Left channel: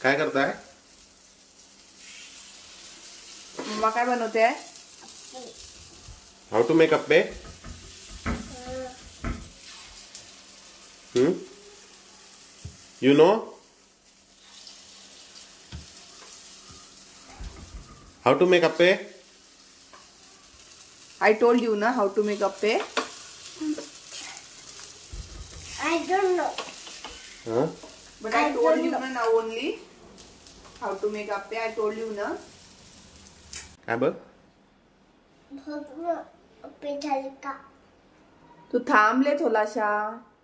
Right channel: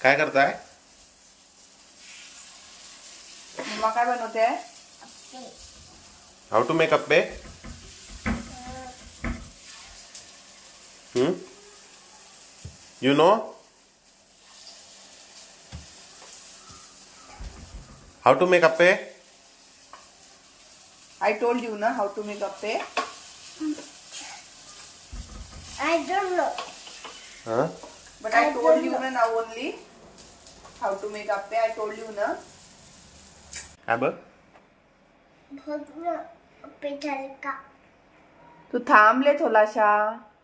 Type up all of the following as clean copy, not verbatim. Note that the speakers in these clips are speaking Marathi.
काय करताय? मम्मा काय बनवते? How to make appe? You know? How to make appe? I told you na how to make appe. I don't know. Huh? But I told you na now only how to make appe. I told you na. काय बघ? भगवा अप्पे झाले का? तू थांबले थोडासा.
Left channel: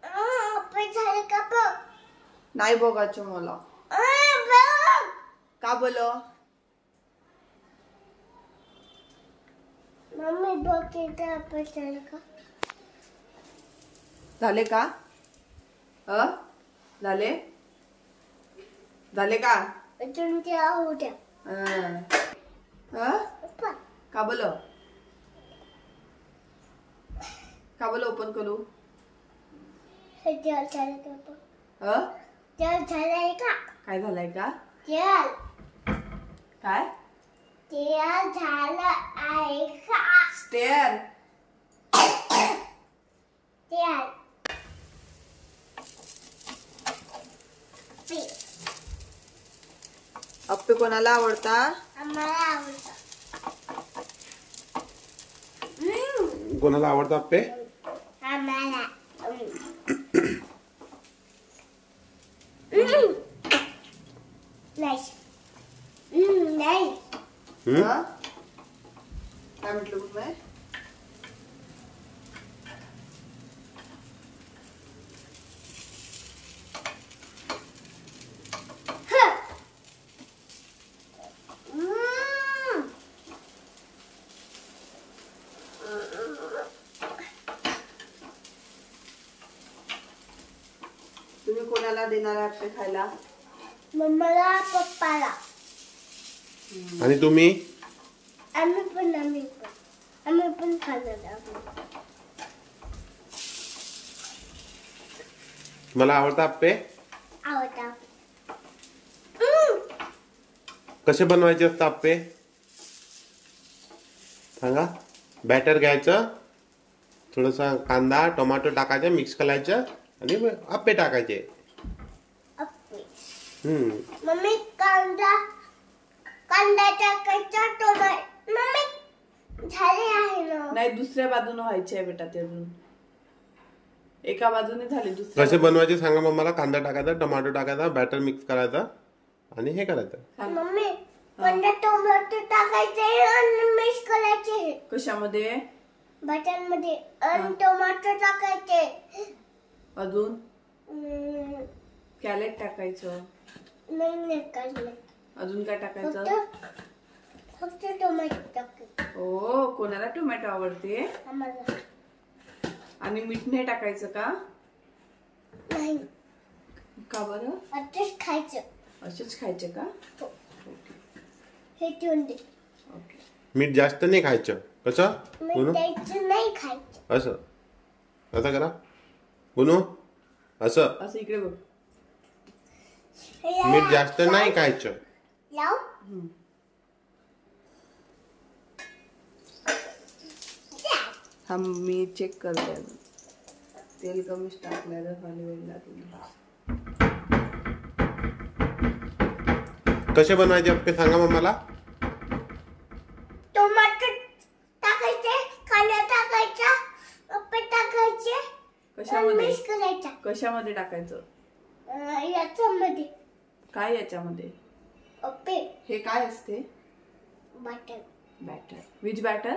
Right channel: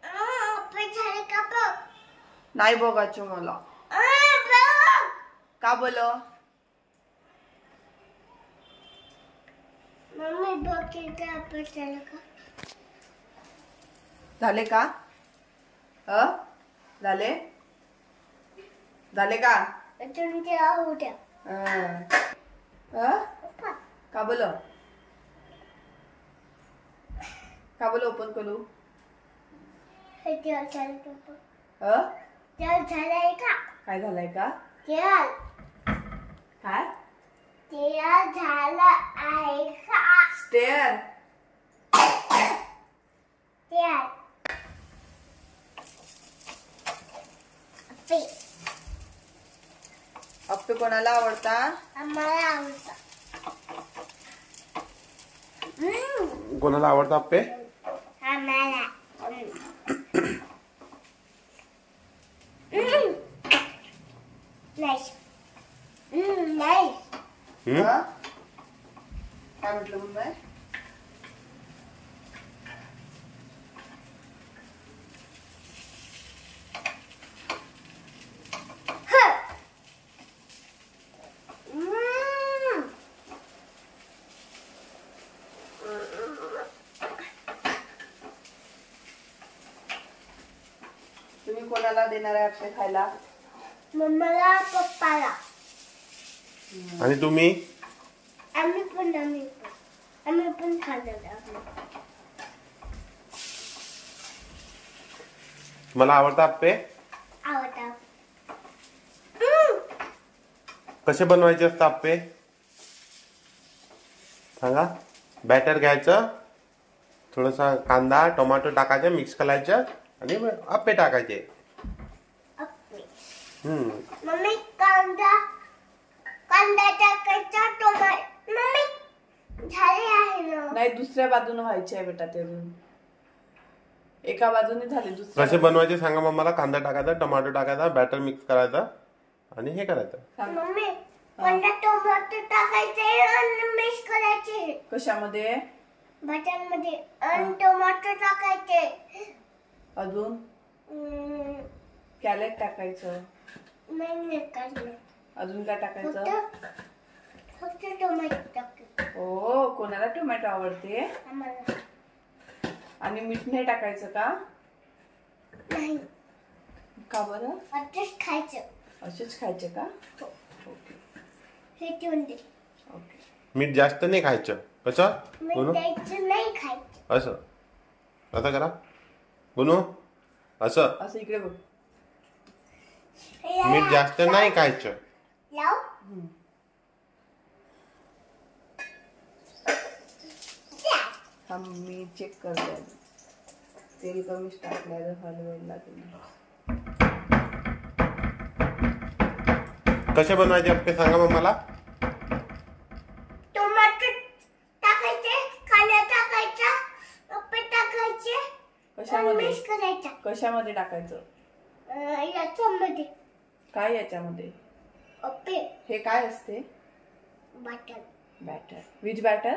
अप्पे झाले का बघ? नाही बघायचं मला. बघ. का बोलो? मम्मी बघ किती अप्पे झाले का? झाले का? झाले? झाले का? अजून ते आहू द्या. का बोलो? का बोलो ओपन करू? हे तेल झाले का बघ? तेल झालंय का? काय झालंय का? तेल. काय? तेल झालं आहे का? स्टेअर. तेल. अप्पे. अप्पे कोणाला आवडता? आम्हाला आवडतं. कोणाला आवडतं अप्पे? आम्हाला. नाईस. नाईस. काय म्हटलं मम्मी? तुम्ही कोणाला देणार आहे अप्पे खायला? मम्माला पप्पाला. आणि तुम्ही? आम्ही पण खाणार आहोत. मला आवडतं अप्पे? आवडतं. कसे बनवायचे असतात अप्पे? सांगा. बॅटर घ्यायचं, थोडासा कांदा टोमॅटो टाकायचं, मिक्स करायचं आणि अप्पे टाकायचे. अप्पे. मम्मी कांदा टाकायचा, टोमॅटो. मम्मी झाले आहे ना? नाही, दुसऱ्या बाजूने व्हायचे आहे बेटा ते अजून. एका बाजूने झाले, दुसऱ्या कसे बनवायचे सांगा मम्माला. कांदा टाकायचा, टोमॅटो टाकायचा, बॅटर मिक्स करायचं आणि हे करायचं. मम्मी कांदा टोमॅटो टाकायचे आणि मिक्स करायचे. कशामध्ये? बटर मध्ये. आणि टोमॅटो टाकायचे. अजून कॅरेट टाकायचं. नाही काढलं. अजून काय टाकायचं? फक्त टोमॅटो टाकायचं. ओ, कोणाला टोमॅटो आवडते? आम्हाला. आणि मीठ नाही टाकायचं का? नाही. का बरं? असंच खायचं. असेच खायचे का? हो. ओके हे ठेवून दे. ओके. मीठ जास्त नाही खायचं. कसं? मीठ द्यायचं नाही खायचं. असं असं करा गुनू. असं असं इकडे बघ. मीठ जास्त नाही खायचं. लाव. थांब, मी चेक करते. तेल कमीच टाकलं, हलवायला लागेल. कसे बनवायचे अप्पे सांगा मग मला. टोमॅटो टाकायचे, कांदा टाकायचा, अप्पे टाकायचे. कशामध्ये? मिक्स करायचा. कशामध्ये टाकायचं? याच्यामध्ये. काय याच्यामध्ये? अप्पे. हे काय असते? Butter. Batter. Which batter?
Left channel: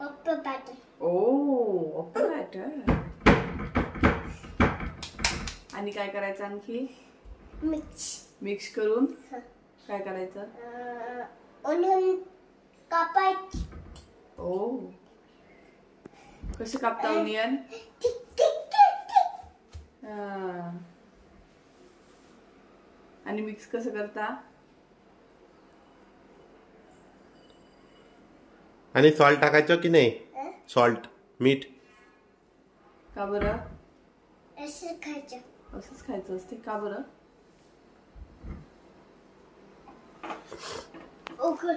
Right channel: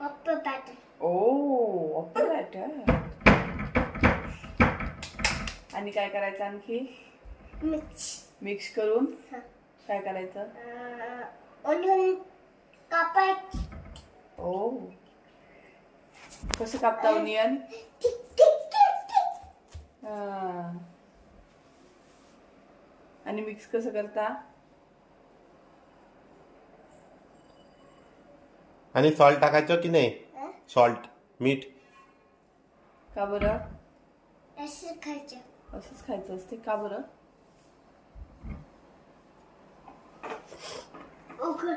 Appe butter. Oh, appe batter. आणि काय करायचं आणखी? मिक्स करून काय करायचं? ओनियन कापायचं. ओ, कसं कापता ओनियन? आणि मिक्स कसं करता? आणि सॉल्ट टाकायचं की नाही? सॉल्ट, मीठ. का बरं? असं खायचं. असंच खायचं असते का बरं? उघड.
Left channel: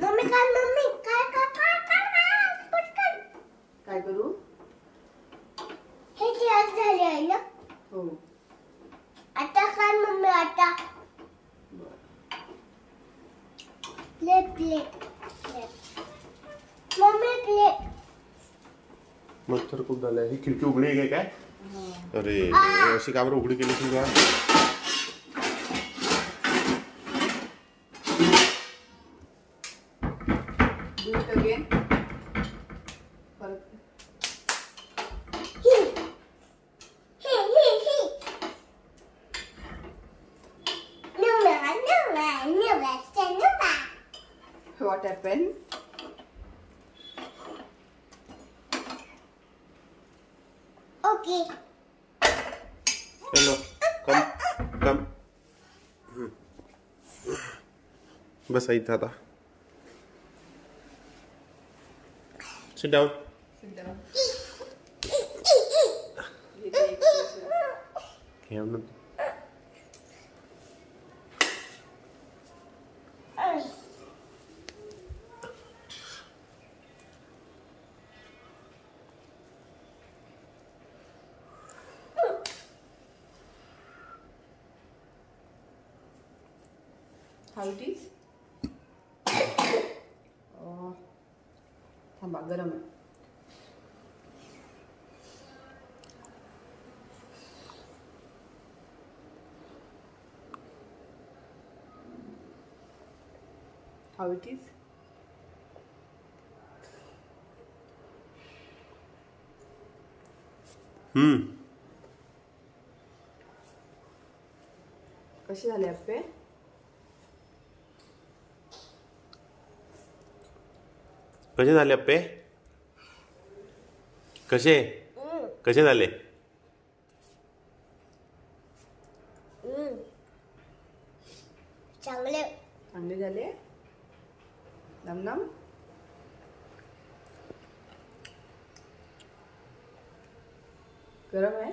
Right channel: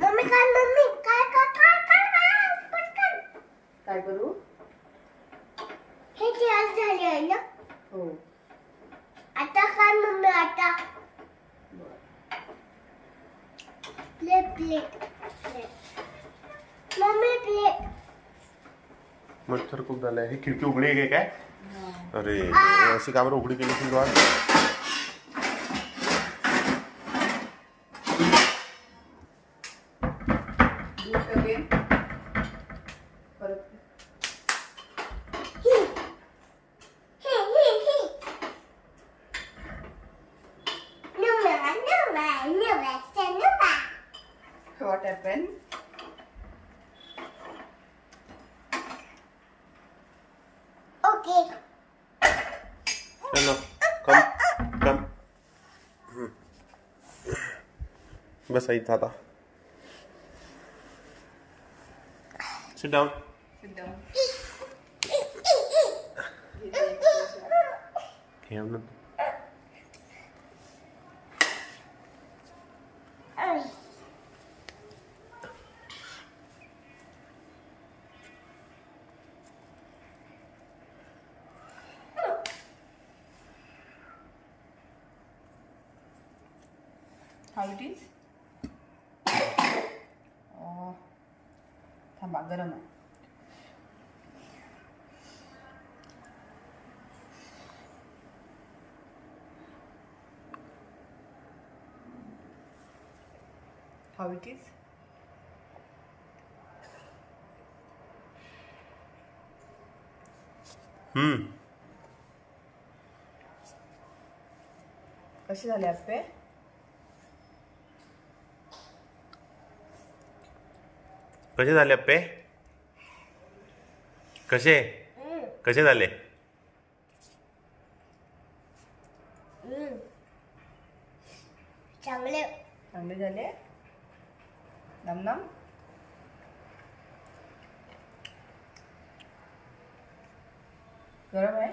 मम्मी काय पटकन. काय करू? हे जेवण झाले आहे ना. हो. आता काय मम्मी आता प्लेट मम्मी प्लेट. मच्छर खूप झालाय. ही खिडकी उघडी आहे काय? अरे अशी का बरं उघडी केली तुम्ही? What happened? Okay. चलो कम बस इथं आता. Sit down. Sit down. खेळ ना. How it is? थांबा गरम आहे. How it is? कसे झाले आप्पे? कसे झाले अप्पे? कसे झाले? चांगले झाले. नम गरम आहे.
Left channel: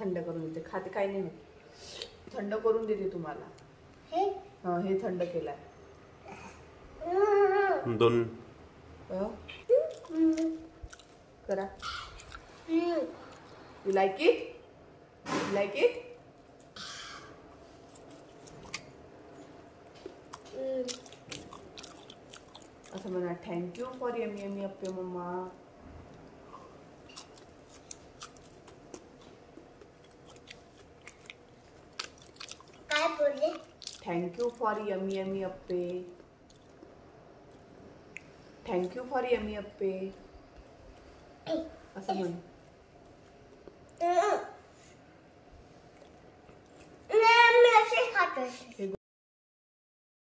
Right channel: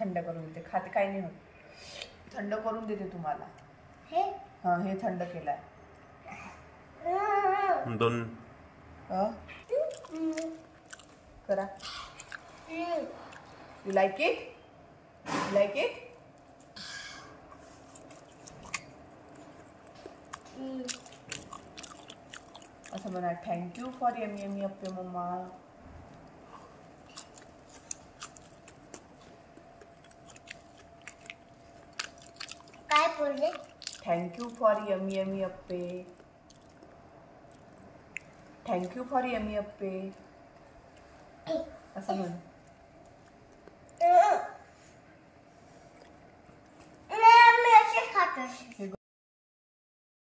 थंड करून देते. खाते काही नाही होत. थंड करून देते तुम्हाला. हे थंड केलाय. दोन करा. You like it? You like it? असं म्हणा. Thank you for yummy yummy appe mamma. काय बोलले? Thank you for yummy yummy appe. Thank you for yummy appe असं म्हण. मी असे खातो.